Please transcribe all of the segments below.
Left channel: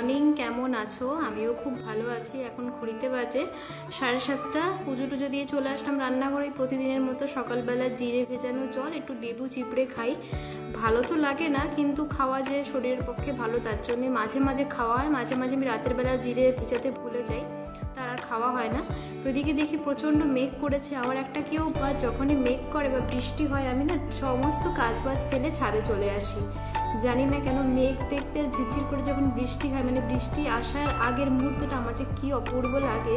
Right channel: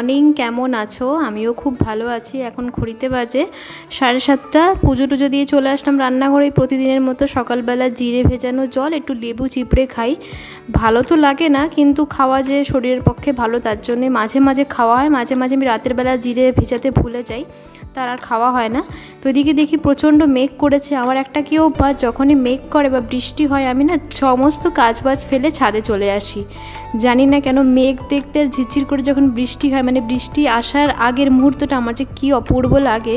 Morning, কেমন আছো? আমিও খুব ভালো আছি। এখন ঘড়িতে বাজে 7:30। পুজো টুজো দিয়ে চলে আসলাম রান্নাঘরে। প্রতিদিনের মতো সকালবেলা জিরে ভেজানো জল, একটু লেবু চিপড়ে খাই। ভালো তো লাগে না, কিন্তু খাওয়া যে শরীরের পক্ষে ভালো, তার জন্যে মাঝে মাঝে খাওয়া হয়। মাঝে মাঝে আমি রাতের বেলা জিরে ভেজাতে ভুলে যাই, তার আর খাওয়া হয় না। তো এদিকে দেখি প্রচণ্ড মেঘ করেছে। আমার একটা কি অভ্যাস, যখনই মেঘ করে বা বৃষ্টি হয় আমি না সমস্ত কাজবাজ ফেলে ছাদে চলে আসি। জানি না কেন, মেঘ দেখতে আর ঝিরঝির করে যখন বৃষ্টি হয়, মানে বৃষ্টি আসার আগের মুহূর্তটা আমার যে কী অপূর্ব লাগে,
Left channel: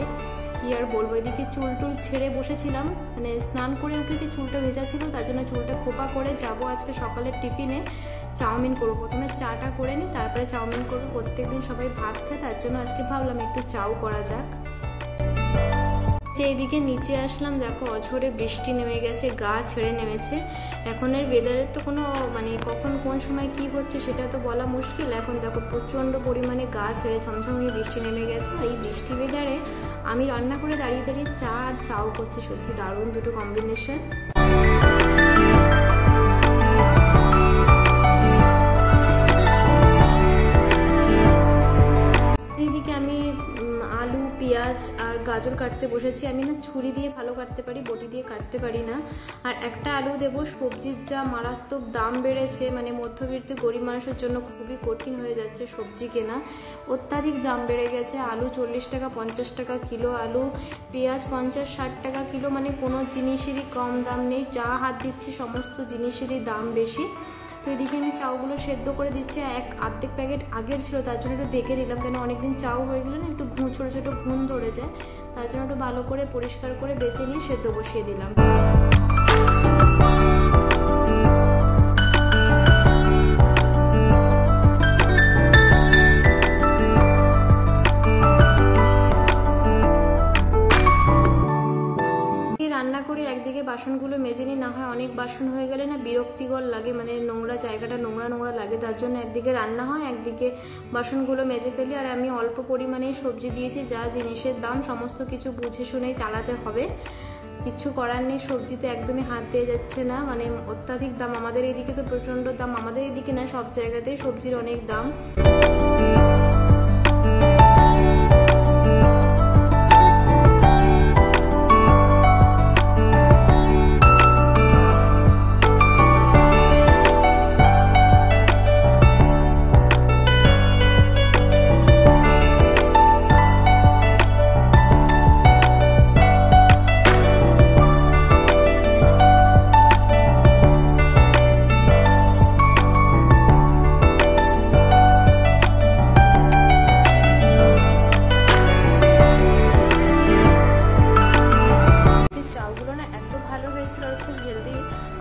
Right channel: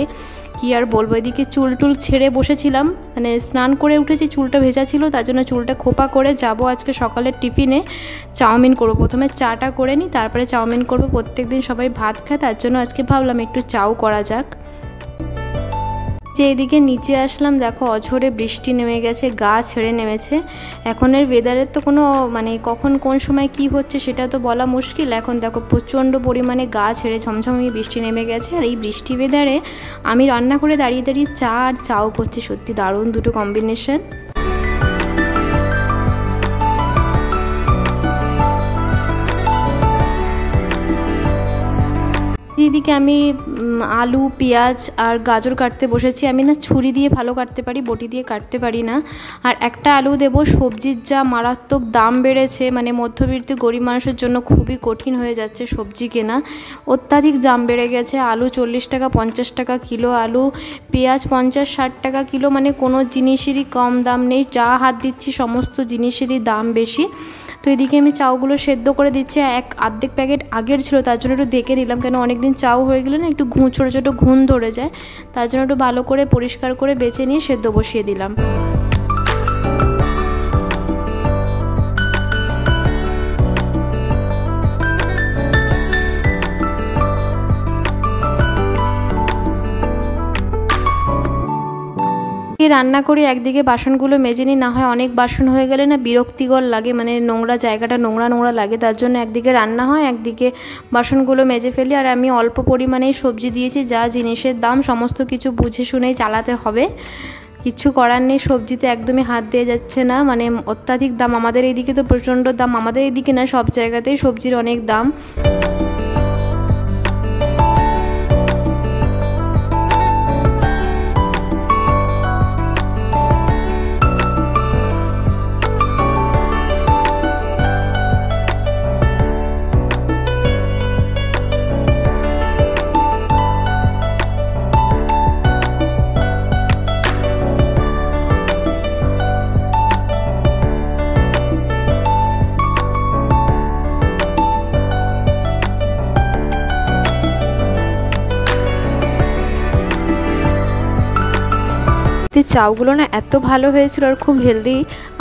কি আর বলবো। এদিকে চুল টুল ছেড়ে বসেছিলাম, মানে স্নান করে উঠেছি, চুলটা ভেজা ছিল, তার জন্য চুলটা খোপা করে যাব আজকে সকালের টিফিনে। চাউমিন করবো, প্রথমে চাটা করে নিই, তারপরে চাউমিন করবো। প্রত্যেকদিন সবাই ভাত খায়, তার জন্য আজকে ভাবলাম একটু চাউ করা যাক। যে এদিকে নিচে আসলাম, দেখো অঝোরে বৃষ্টি নেমে গেছে, গা ছেড়ে নেমেছে। এখনের ওয়েদারের তো কোনো মানে কখন কোন সময় কি হচ্ছে সেটা তো বলা মুশকিল। এখন দেখো প্রচণ্ড পরিমাণে গা ছেড়ে ঝমঝমিয়ে বৃষ্টি নেমে গেছে। আর এই বৃষ্টি ওয়েদারে আমি রান্না করে দাঁড়িয়ে দাঁড়িয়ে চা আর চাও করছি, সত্যি দারুণ দুটো কম্বিনেশন। এদিকে আমি আলু, পেঁয়াজ আর গাজর কাটতে বসেছি। আমি না ছুরি দিয়ে ভালো কাটতে পারি, বটি দিয়ে কাটতে পারি না। আর একটা আলু দেবো। সবজির যা মারাত্মক দাম বেড়েছে, মানে মধ্যবিত্ত গরিব মানুষের জন্য খুবই কঠিন হয়ে যাচ্ছে সবজি কেনা। অত্যাধিক দাম বেড়ে গেছে। আলু 40 টাকা 50 টাকা কিলো আলু, পেঁয়াজ 50-60 টাকা কিলো, মানে কোনো জিনিসেরই কম দাম নেই। যা হাত দিচ্ছি সমস্ত জিনিসেরই দাম বেশি। তো এদিকে আমি চাউগুলো সেদ্ধ করে দিচ্ছি। অর্ধেক প্যাকেট আগের ছিল, তার জন্য একটু দেখে নিলাম, কেন অনেকদিন চাউ হয়ে গেলে না একটু ছোটো ছোটো ঘুণ ধরে যায়, তার জন্য একটু ভালো করে পরিষ্কার করে বেছে নিয়ে সেদ্ধ বসিয়ে দিলাম। রান্না করি, একদিকে বাসনগুলো মেজে নিই, না হয় অনেক বাসন হয়ে গেলে না বিরক্তিকর লাগে, মানে নোংরা জায়গাটা নোংরা নোংরা লাগে। তার জন্য একদিকে রান্না হয়, একদিকে বাসনগুলো মেজে ফেলি। আর আমি অল্প পরিমাণেই সবজি দিয়েছি, যা জিনিসের দাম সমস্ত কিছু বুঝে শুনেই চালাতে হবে, কিছু করার নেই। সবজিতে একদমই হাত দিয়ে যাচ্ছে না, মানে অত্যাধিক দাম। আমাদের এদিকে তো প্রচণ্ড দাম, আমাদের এদিকে না সব জায়গাতেই সবজির অনেক দাম। চাউগুলো না এত ভালো হয়েছিল, আর খুব হেলদি।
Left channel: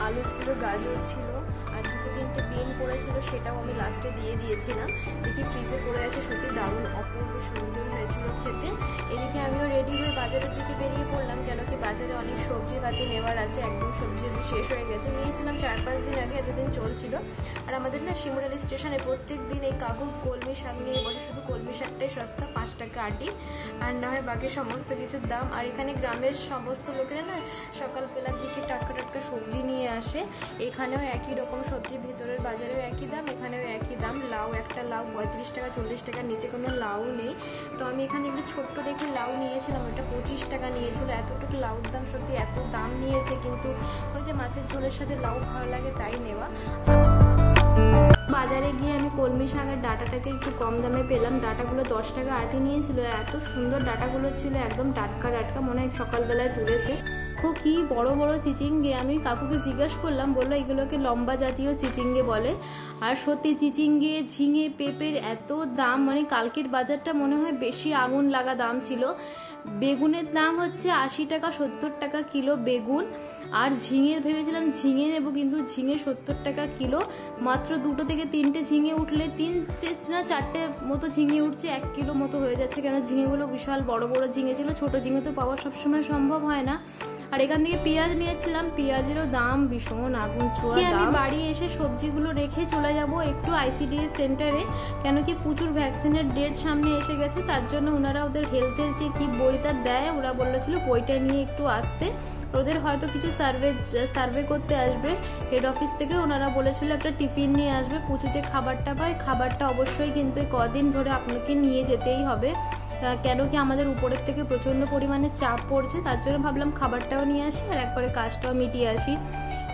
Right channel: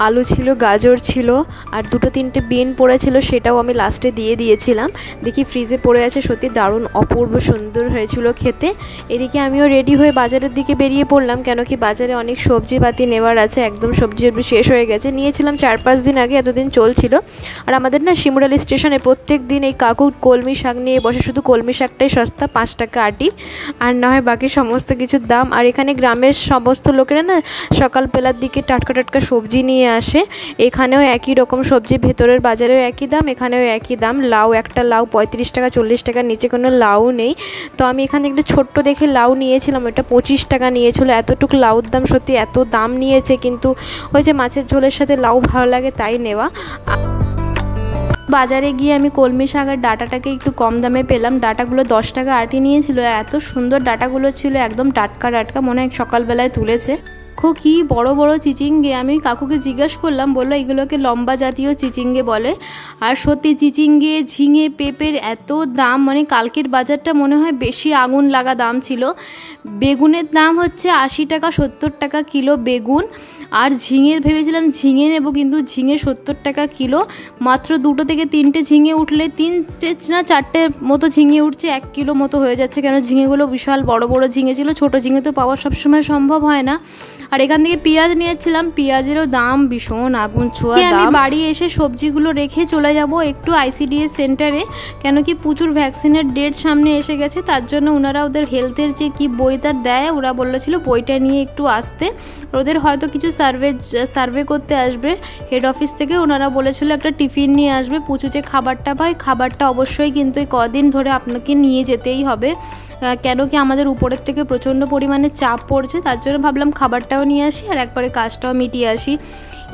আলু ছিল, গাজর ছিল, আর 2-3টে বিন পড়েছিল, সেটাও আমি লাস্টে দিয়ে দিয়েছিলাম। দেখি ফ্রিজে পড়ে আছে, সত্যি দারুণ অপূর্ব সুন্দর হয়েছিল খেতে। এদিকে আমিও রেডি হয়ে বাজারের দিকে বেরিয়ে পড়লাম, কেন কি বাজারে অনেক সবজিপাতি নেওয়ার আছে। একদম সবজি শেষ হয়ে গেছে, নিয়েছিলাম 4-5 দিন আগে, এতদিন চলছিল। আর আমাদের না শিমুরালি স্টেশনে প্রত্যেক দিন এই কাকু কলমি শাক নিয়ে বসে, শুধু কলমি শাকটাই সস্তা, 5 টাকা আটি, আর না হয় বাকি সমস্ত কিছুর দাম। আর এখানে গ্রামের সমস্ত লোকেরা না সকালবেলার দিকে টাটকা টাটকা সবজি নিয়ে আসে। এখানেও একই রকম সবজি, ভেতরের বাজারেও একই দাম, এখানেও একই দাম। লাউ, একটা লাউ 35 টাকা 40 টাকার নিচে কোনো লাউ নেই। তো আমি এখানে একটা ছোট্ট দেখে লাউ নিয়েছিলাম, ওটা 25 টাকা নিয়েছিল। এতটুকু লাউর দাম, সত্যি এত দাম নিয়েছে, কিন্তু ওই যে মাছের ঝোলের সাথে লাউ ভালো লাগে তাই নেওয়া। বাজারে গিয়ে আমি কলমি শাকের ডাঁটাটাকে একটু কম দামে পেলাম। ডাঁটাগুলো 10 টাকা আটি নিয়েছিল, আর এত সুন্দর ডাঁটাগুলো ছিল, একদম টাটকা টাটকা, মনে হয় সকালবেলায় তুলেছে। কি বড় বড় চিচিঙ্গে। আমি কাকুকে জিজ্ঞাসা করলাম, বললো এগুলোকে লম্বা জাতীয় চিচিঙ্গে বলে। আর সত্যি চিচিঙ্গে, ঝিঙে, পেঁপের এত দাম, মানে কালকের বাজারটা মনে হয় বেশি আগুন লাগা দাম ছিল। বেগুনের দাম হচ্ছে 80 টাকা 70 টাকা কিলো বেগুন। আর ঝিঙে ভেবেছিলাম ঝিঙে নেব, কিন্তু ঝিঙে 70 টাকা কিলো। মাত্র 2 থেকে 3টে ঝিঙে উঠলে, 3টে না 4টে মতো ঝিঙে উঠছে, 1 কিলো মতো হয়ে যাচ্ছে, কেন ঝিঙেগুলো বিশাল বড় বড় ঝিঙে ছিল। ছোটো ঝিঙে তো পাওয়া সবসময় সম্ভব হয় না। আর এখান থেকে পেঁয়াজ নিয়েছিলাম, পেঁয়াজেরও দাম ভীষণ আগুন ছোঁয়া দাম। আমি বাড়ি এসে সবজিগুলো রেখে চলে যাব একটু ICDS সেন্টারে, কেন কি প্রচুর ভ্যাকসিনের ডেট সামনে এসে গেছে, তার জন্য ওনারা ওদের হেলথের যে কি বইটা দেয় ওরা বলেছিল বইটা নিয়ে একটু আসতে। ওদের হয়তো কিছু সার্ভে করতে আসবে হেড অফিস থেকে, ওনারা বলেছিল একটা টিফিন নিয়ে আসবে। পুচু যে খাবারটা পায়, খাবারটা অবশ্যই কিন্তু কদিন ধরে আপনাকে নিয়ে যেতেই হবে, কেন কি আমাদের উপরের থেকে প্রচণ্ড পরিমাণে চাপ পড়ছে, তার জন্য ভাবলাম খাবারটাও নিয়ে আসি আর একবারে কাজটাও মিটিয়ে আসি।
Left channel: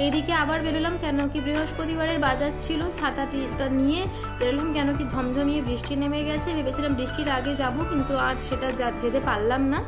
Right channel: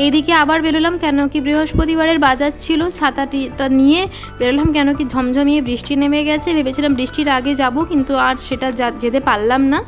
এইদিকে আবার বেরোলাম, কেন কি বৃহস্পতিবারের বাজার ছিল, ছাতাটা নিয়ে বেরোলাম, কেন কি ঝমঝমিয়ে বৃষ্টি নেমে গেছে। ভেবেছিলাম বৃষ্টির আগে যাব, কিন্তু আর সেটা যেতে পারলাম না।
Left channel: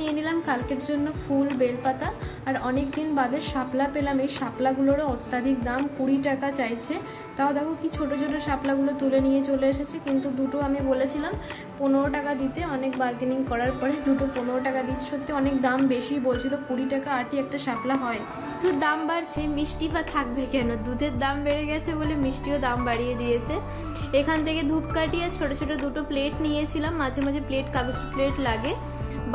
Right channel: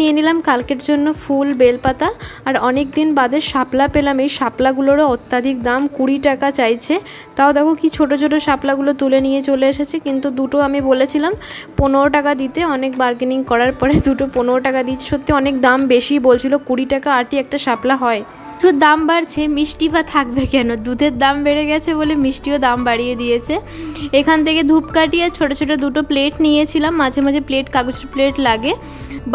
নিয়ে নিলাম কালকের জন্য ফুল, বেলপাতা, আর অনেক দিন বাদে শাপলা পেলাম। এই শাপলাগুলোরও অত্যাধিক দাম, 20 টাকা চাইছে। তাও দেখো কি ছোট ছোট শাপলাগুলো তুলে নিয়ে চলে এসেছে, কিন্তু দুটো আমি বলেছিলাম 15 টাকা দিতে, অনেক বার্গেনিং করার পরে দুটো 15 টাকা দিচ্ছে। সত্যি অনেক দাম বেশি বলছিল, 20 টাকা আটই একটা শাপলা হয়। তো দাম বাড়ছে, মিষ্টি বা থাকবে কেন, দুধের দাম বেড়ে গেছে বলে মিষ্টিও দাম বাড়িয়ে দিয়েছে। এখান থেকে ধূপকাঠি আর ছোটো ছোটো দুটো প্লেট নিয়েছিলাম, মাঝে মাঝে কাগজের প্লেট লাগে।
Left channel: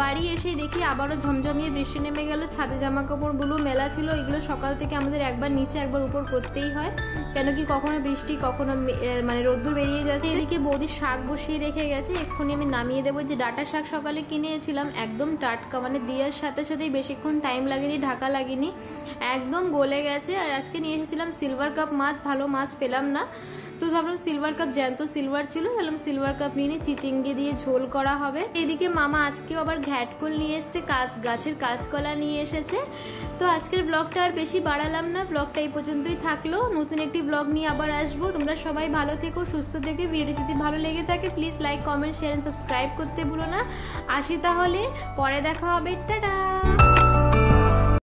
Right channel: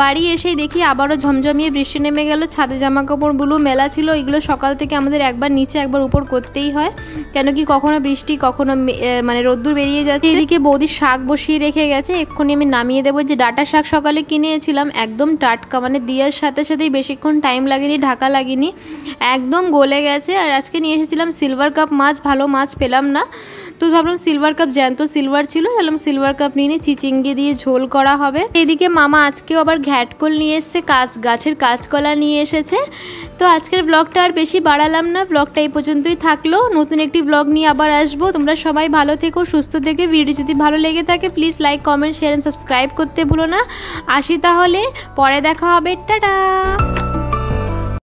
বাড়ি এসেই দেখি আবারও ঝমঝমিয়ে বৃষ্টি নেমে গেল। ছাদে জামা কাপড়গুলো মেলা ছিল, এগুলো সকাল থেকে আমাদের একবার নিচে একবার উপর করতেই হয়, কেন কি কখনো বৃষ্টি কখনো মানে রোদ্দুর বেরিয়ে যাচ্ছে। এদিকে বৌদি শাক বসিয়ে রেখে গেছে, এক্ষুনি আমি নামিয়ে দেবো। যে ডাঁটা শাক সকালে কিনেছিলাম একদম টাটকা, মানে দেওয়ার সাথে সাথেই বেশিক্ষণ টাইম লাগেনি, ঢাকা লাগেনি, একদম গলে গেছে। আর আজকে নিয়ে এসেছিলাম সিলভার কাপ মাছ, ভালো মাছ পেলাম না, তো ভাবলাম সিলভার কাপ, জ্যান্ত সিলভার ছিল, তাহলে সিলভার কাপ নিয়ে চিচিঙ্গে দিয়ে ঝোল করা হবে। এদিকে মামা আজকেও আবার ঘ্যাটকল নিয়ে এসছে, গাছের কাঁচকলা নিয়ে এসেছে। তো আজকের ব্লগটা আর বেশি বাড়ালাম না, ব্লগটা এই পর্যন্তই থাকলো। নতুন একটি ব্লগ নিয়ে আবার আসবো। তোমরা সবাই ভালো থেকো, সুস্থ থেকো। ভিডিও যদি ভালো লেগে থাকে please like, comment, share and subscribe করতে ভুলো না। আসি তাহলে, পরে দেখা হবে, টাটা।